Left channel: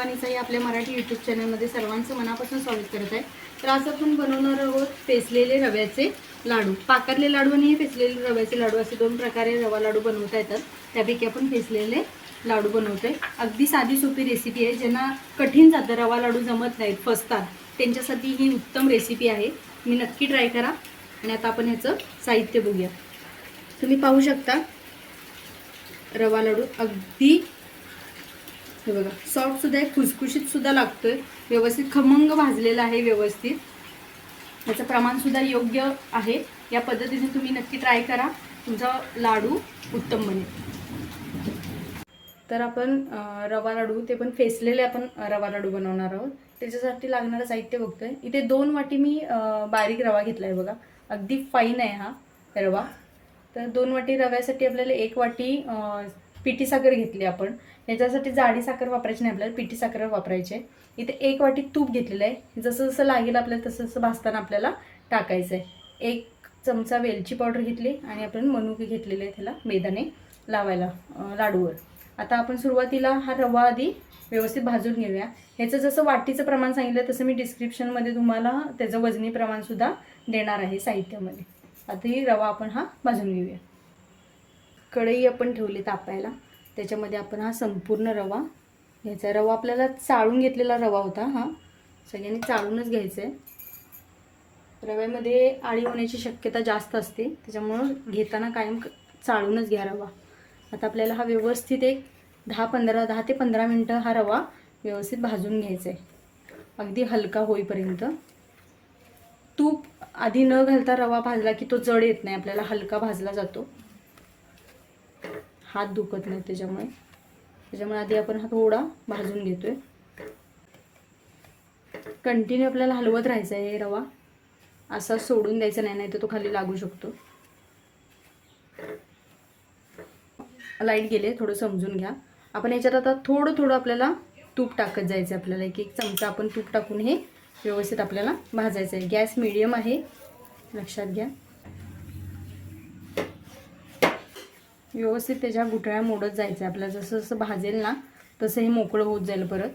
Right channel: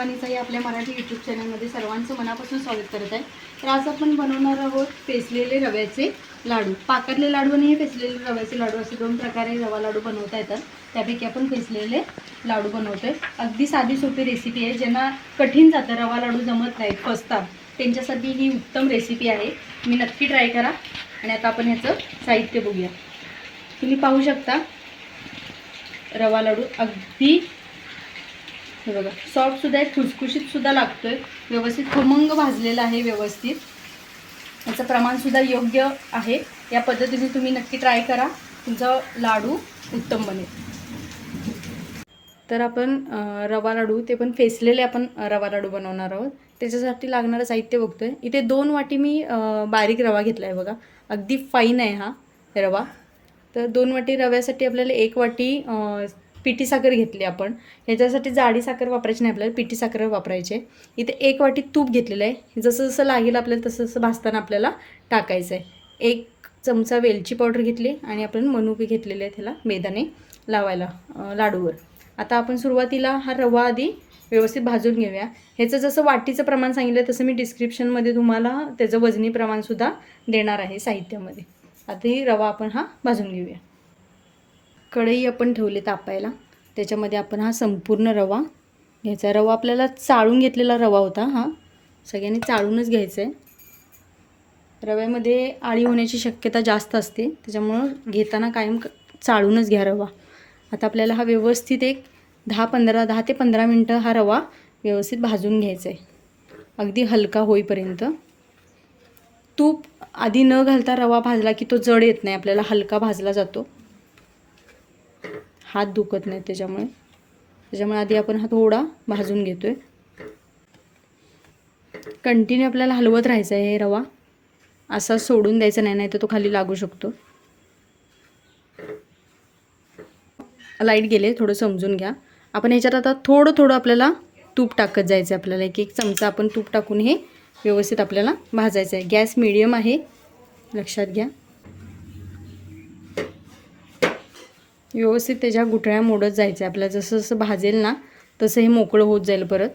मेजवानीचा या आपल्या मराठी यूट्यूब चॅनलमध्ये सर्वांचं मनापासून स्वागत करत आहे। तर आज आपण बनवणार आहोत पेसलेले रव्याचे लाडू। पाकातले लाडू आणि पेसलेले रव्याचे लाडू असे दोन प्रकारे रवा लाडू बनवता येतात। त्यापैकी आपण पेसलेले लाडू बनवतोय। अगदी साधी सोपी रेसिपी आहे। ज्यांना कठीण जातं रवा लाडू जमत नाही फसतात त्यांच्यासाठी ही उत्तम रेसिपी आहे। मी नक्की ट्राय करा। आणि आता आपण ह्याचं साहित्य बघूया। तुम्ही पाहू शकता रवा लाडू अगदी हे बघा सॉफ्ट सुद्धा आहे, खुसखुशीत सुद्धा लागतोय, व्यवस्थित खमंग भाजलेला आहे व्यवस्थित। याचं प्रमाण सुद्धा योग्य आहे। या पद्धतीने तुम्ही नक्की ट्राय करा, तुमचा लाडू उत्तम बनेल। तर आपण रवा लाडू ते पण फेसलेले आपण रवा लाडू बनवणार आहोत। त्याच्यासाठी लागणारं साहित्य बघतोय। इथे 2 वाटी मी बारीक रवा घेतला आहे बघा, अगदी फाईन आहे हा रवा। तर 2 वाटी रव्यासाठी आपल्याला 1 वाटी पिठी साखर घेतली आपण। ह्याच्यासाठी जाडी साखर वापरायची नाही, आपल्याला पिठी साखर वापरायची आहे। इथे 1 वाटी तूप घेतलेलं आहे। जसं जसं लागेल आपल्याला तसं तसं भाजताना आपल्याला टाकायचं आहे। 1 चमचा वेलची पावडर घेतली आणि आपण मनुके घेतलेले आहे त्याला मैदाने लावायला लाडूवर। आता आपण सुरुवातीला हा रवा आधी व्यवस्थित भाजून घेऊया। ह्याचं जसं वाटीचं प्रमाण सांगितलं तसं मी डिस्क्रिप्शनमध्ये तुम्हाला त्याचं वजनी प्रमाणसुद्धा देणार आहे साहित्यामध्ये। आधी रवा आपण हा भाजून घेऊया। कढई आपण ठेवली तापायला, त्याच्यामध्ये आपण हा संपूर्ण रवा घ्यायचा। रवा आपल्याला चाळून घेतलेला रवा होता, हा सगळ्यांनी चाळूनच घ्यायचा आहे। रव्यामध्ये आळी होण्याची शक्यता जास्त असते, त्याच्यामुळं घेताना कायम चाळूनच घ्या रवा। आता आपल्याला हा व्यवस्थित एक 10 ते 15 मिनटं हा रवा व्यवस्थित भाजून घ्यायचा आहे, अगदी हलका होईपर्यंत। तूप आधी न घालता रवा भाजला की तो जड येत नाही, आपल्याला हलका भाजला जातो, हात दुखत नाही त्याच्यामुळे आधी आपण हा थोडा भाजून घेतोय। कंटिन्यू आपल्याला हलवत राहायचं आहे। हे रवा असा सोडून द्यायचा नाही, तर तो खाली लागू शकतो। लाईट गेले थोडं समजून घ्या। आपण ह्याच्यात आता थोडं थोडं आपल्याला तूप टाकत जायचं आहे। आपल्याला 1 चमचा आपण तूप टाकून हे व्यवस्थित आपल्याला भाजायचं आहे। गॅस मीडियम आहे, लक्षात घ्या। व्यवस्थित त्याच्या गुठळ्या मोडत जायचं आहे आपल्याला। जसं जसं भाजेल ना तसं हे मोकळं होत जाईल परत।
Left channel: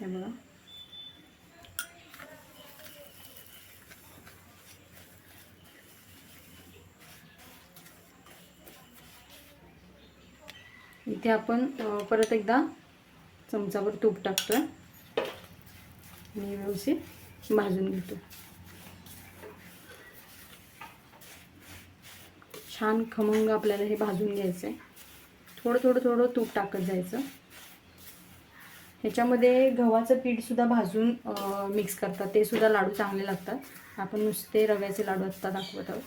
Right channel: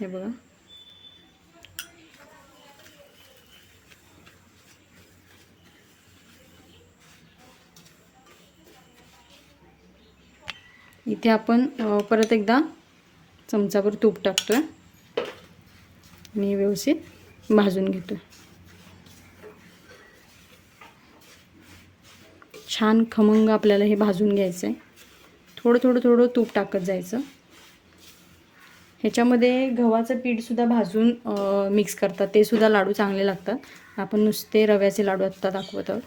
हे बघा इथे आपण परत एकदा चमचाभर तूप टाकतोय आणि व्यवस्थित भाजून घेतोय। छान खमंग आपल्याला हे भाजून घ्यायचं आहे। थोडं थोडं थोडं तूप टाकत जायचं। ह्याच्यामध्ये गव्हाचं पीठसुद्धा भाजून मिक्स करतात, ते सुद्धा लाडू चांगले लागतात। आपण नुसते रव्याचे लाडू आत्ता दाखवत आहोत।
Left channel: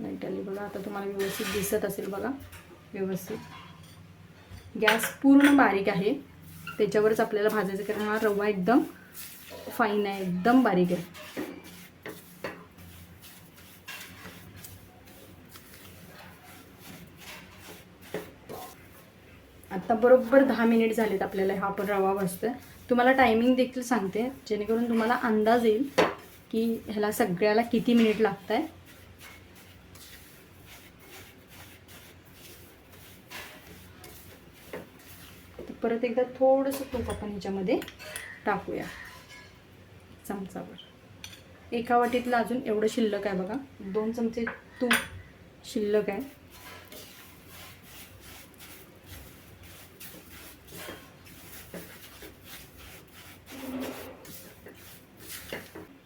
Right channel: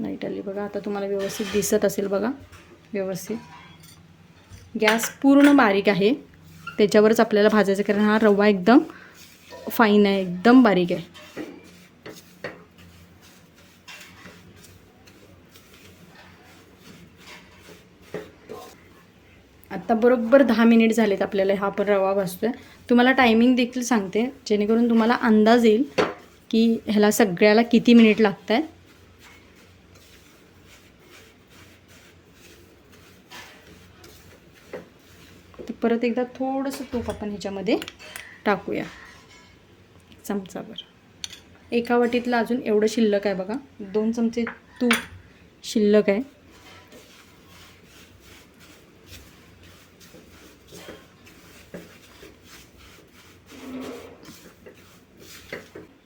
लाईट आली बघा, आता तुम्हाला व्यवस्थित दिसत असेल बघा। व्यवस्थित गॅस पूर्ण बारीक आहे, त्याच्यावरच आपल्याला भाजायचं, कारण हा रवा एकदम फाईन आहे, एकदम बारीक आहे। आता बरोबर 10 मिनिट झालेत आपल्याला हा पण रवा भाजतोय। तुम्हाला टायमिंग देखील सांगते, जेणेकरून तुम्हाला अंदाज येईल की ह्याला सगळ्याला किती मिनिट लागत आहे। तर परत एकदा थोडंसं तूप आपण ह्याच्यामध्ये टाकूया, चमचाभर। 1 वाटीतलं अजून एवढं शिल्लक आहे बघा, 2 चमचे तूप शिल्लक आहे।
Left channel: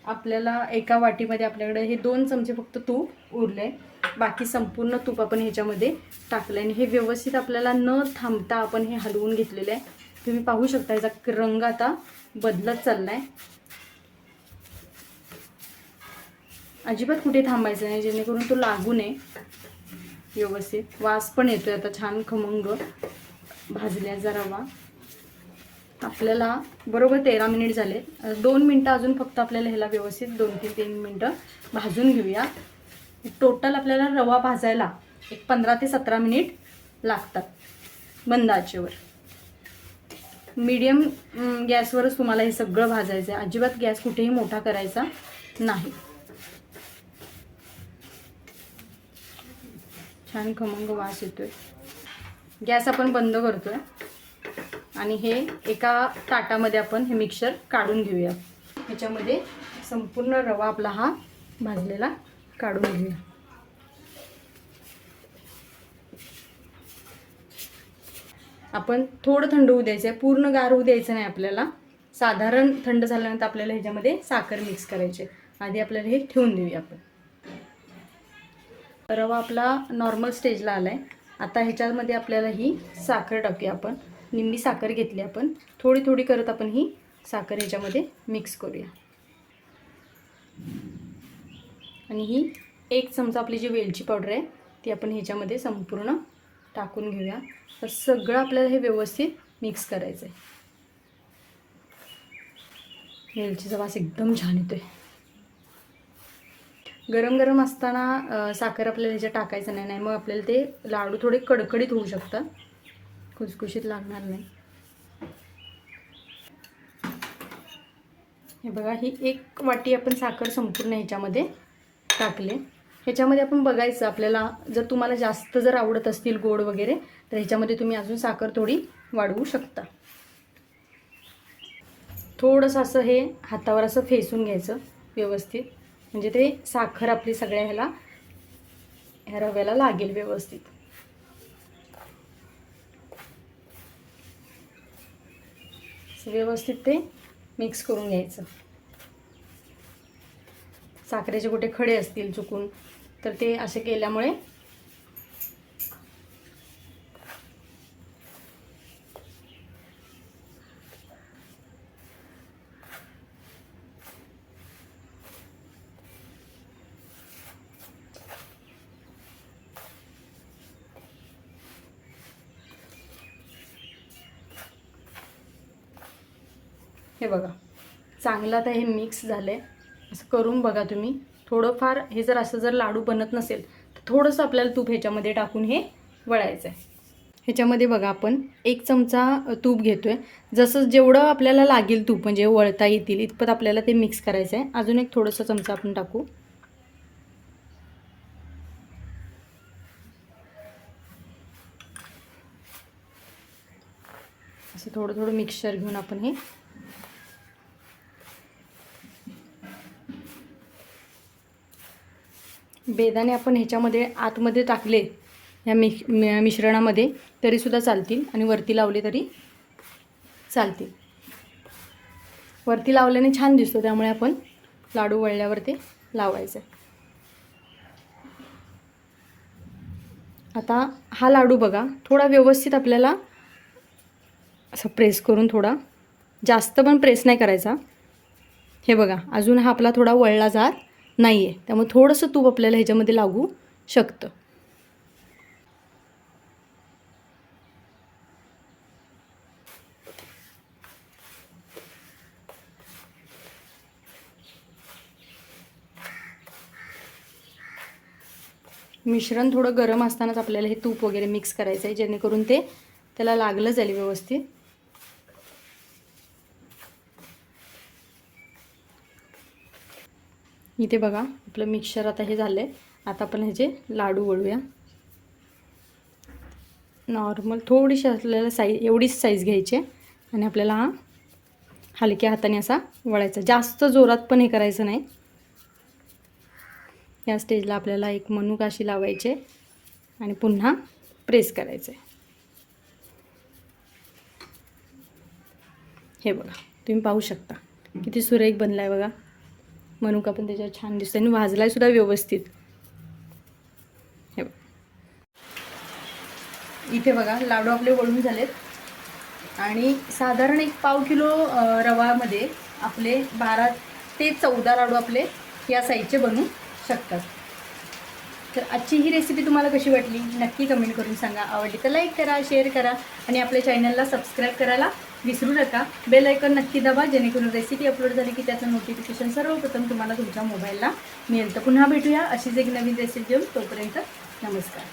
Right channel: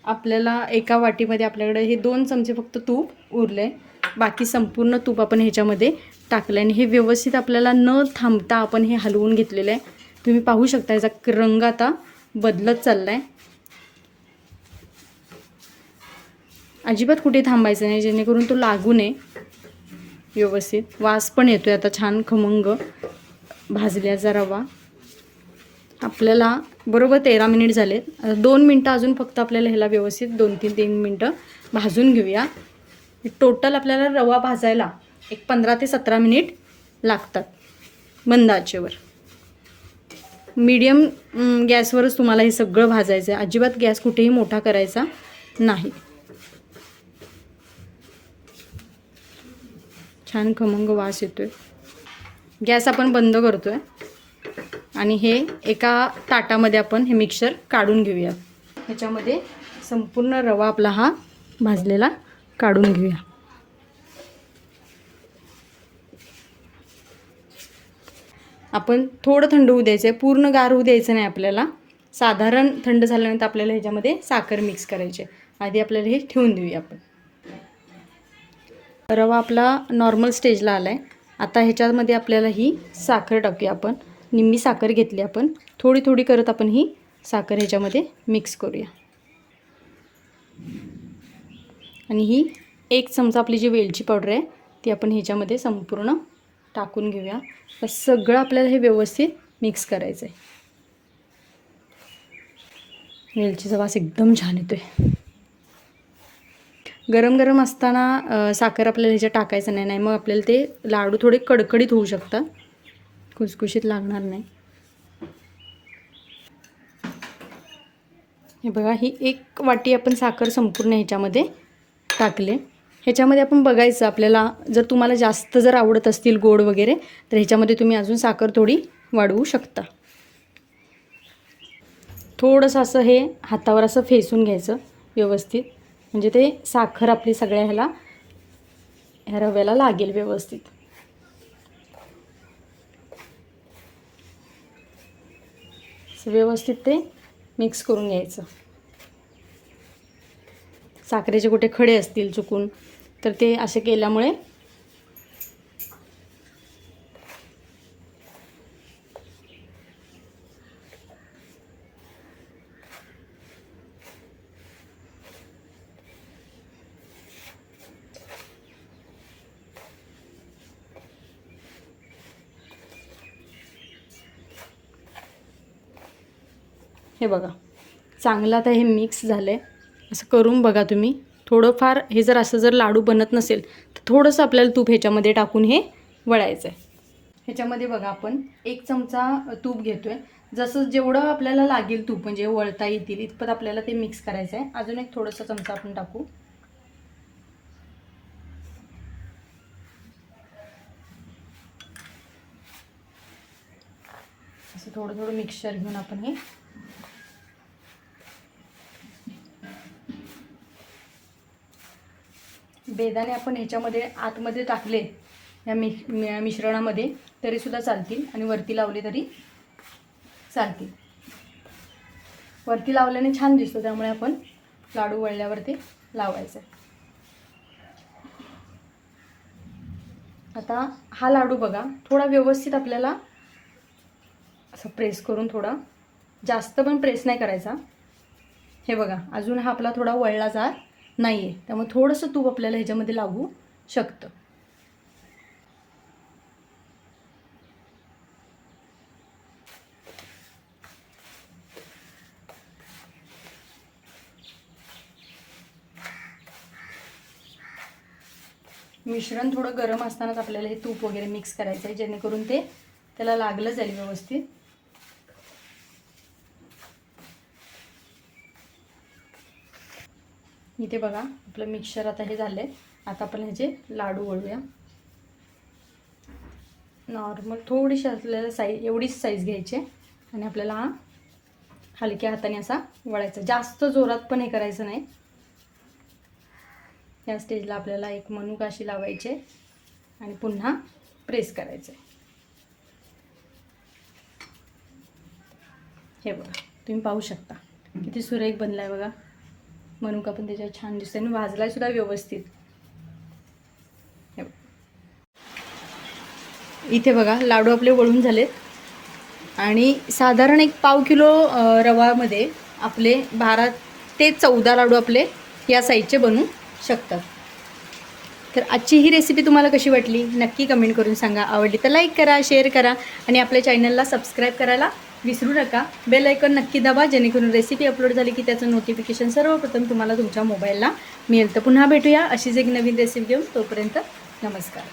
आपल्याला 1 वाटीमध्ये आपल्याकडे हे 2 चमचे फक्त तूप उरले, बाकी संपूर्ण तूप आपण ह्याच्यामध्ये टाकलं आणि हे व्यवस्थित आपल्याला न थांबता आपण हे हलवून घेतलेलं आहे। तुम्ही पाहू शकता याचा रंग आता बदलत चाललाय। अजिबात कुठे थांबायचं नाही, जेणेकरून तो लागू नये। व्यवस्थित वास पण येतोय आता छान खमंग भाजल्याचा रवा। आपल्याला बरोबर 13 मिनिट झालेत। 2 मिनटं अजून फक्त आपल्याला ह्याला व्यवस्थित 2-3 मिनटं भाजून घेऊया। टोटल आपल्याला रवा भाजायला एक 15 ते 17 मिनिट लागतात मंद आचेवर। मीडियम गॅसवरच तुम्हाला हे सगळं भाजायचं आहे. अजिबात गॅस कुठेही मोठा करायचा नाही. छान खमंग वास येतोय. गॅस आपण बंद करतोय आणि हे एका ताटामध्ये आपण हे मिक्सर काढून घेऊया. ह्याच्यामध्ये संपूर्ण रवा आपला हा भाजलेला काढून घेऊया. आपण थोडं थंड होऊ द्यायचं आहे, पूर्ण गार होऊ द्यायचं नाही आपल्याला. साधारण थंड झाल्यानंतर आपल्याला ह्याच्यामध्ये साखर मिक्स करायची. आधी आपल्याला हे ठेवून देऊया आपण. रवा आपला नॉर्मल स्टेजला आला आहे. आता ह्याच्यामध्ये आपल्याला ही साखर टाकूया आपण. निम्मी साखर घेतली आपण. थोडी थोडी करत आपण ही साखर ह्याच्यामध्ये मिक्स करूया. आणि ही 1 चमचा आपली जी वेलची पावडर आहे ती आपण ह्याच्यामध्ये संपूर्ण टाकून घेऊया. तर सगळं आपल्याला हे व्यवस्थित मिक्स करायचं आहे. वेलचीचा वास एकदम छान येतोय. गरम गरम असताना साखर आपल्याला ह्याच्यात टाकायचं नाही, मग आपल्याला ते लाडू थोडे कडकडीत होऊ शकतात, खुसखुशीत लागणार नाही. हे बघा, ही 1 वाटी आपण साखर संपूर्ण ह्याच्यामध्ये टाकले. ह्याच्यामध्ये आपण बघायचं आपल्याला, जर तुम्हाला जास्त जर आवडत असतील गोड वगैरे तर ह्याच्यामध्ये तुम्ही अजून साखर थोडी वाढवू शकता. थोडंसं असं हे हातावर असं फेसून घ्यायचं व्यवस्थित, म्हणजे ते साखर आपली सगळ्या ह्या रव्याला लागेल व्यवस्थित. व्यवस्थित ते मिक्स करून घ्यायचं. साखरेचे कुठे खडे असतील चुकून तर ते असे केल्यामुळे हे बघा चांगलं आता हे मिक्स झालं आहे. असं करून बघा तुम्ही. थोडंफार हे जर लाडू बनत नसेल तर थोडंसं आपल्याला तूप ह्याच्यामध्ये टाकून हे वळायचं आहे. ह्याच्यामध्ये बघा आपण 1 चमचा तूप घेतो आहे. जसं जेवढं आपल्याला लागेल तूप, म्हणजे वळता येतील इतपत आपल्याला ते मिक्स करायचं आहे. अजून एक थोडंसं चमचा आपण टाकू. असं थोडं थोडं मिक्सचर घेऊन आपण हे बेदाणे आपण ह्याच्यामध्ये आतमध्ये टाकले या मिश्रणामध्ये तरीसुद्धा चालतील आणि वरती लावले तरी चालतील. वरती लावल्याने छान दिसतो, त्यामुळे आपण लाडू वळल्यावर ते लावायचं. आता हा लाडू बघा थोडा व्यवस्थित आपल्याला असं प्रेस करून, थोडा जास्त पण प्रेस नाही करायचा. हे बघा अजून हा आपला थोडा वळला जात नाही आहे, त्यामुळे थोडंसं तूप आपल्याला ह्याच्यामध्ये लागू शकतं. मिश्रण थोडं गरम असतानाच आपल्याला हे तूप वगैरे मिक्स करायचं आहे, जेणेकरून ते त्याला लागलं जाईल व्यवस्थित. इथे बघा आपलं मिक्सचर आता हे झालंय. आता आपण ह्याचे लाडू वळूया. नॉर्मल थोडीशी आपल्याला साईज, एवढीच साईज घ्यायची आणि आपल्याला हा हलक्या हाताने असा वळायचा. जास्त जोरात पण हे करायचं नाही. या स्टेजला आपल्याला एक मनुका अशी लावायचे आणि पुन्हा प्रेस करायचे. हे बघा तुम्ही पाहू शकता किती सुरेख बनलाय बघा. मनुका पण त्याच्यावर छान दिसतोय आणि भाजलाय सुद्धा व्यवस्थित. हे इथे बघा लाडू आपले वळून झालेत आणि साधारण एक पाव किलो रवामध्ये आपले 12 ते 14 लाडू आपले या साईजचे बनू शकतात. तर आजची ही रेसिपी तुम्हाला कशी वाटली नक्की कमेंट करून सांगा. आवडली तर लाईक करा, शेअर करा आणि आपल्या चॅनलला सबस्क्राईब करायला विसरू नका. बेल आयकॉन नक्की दाबा, जेणेकरून रेसिपी अपलोड झाली की त्याचं नोटिफिकेशन सर्वप्रथम तुम्हाला तुमच्या मोबाईलला मिळेल. तर पुन्हा भेटूया अशीच एक नवीन रेसिपी घेऊन. तोपर्यंत नमस्कार.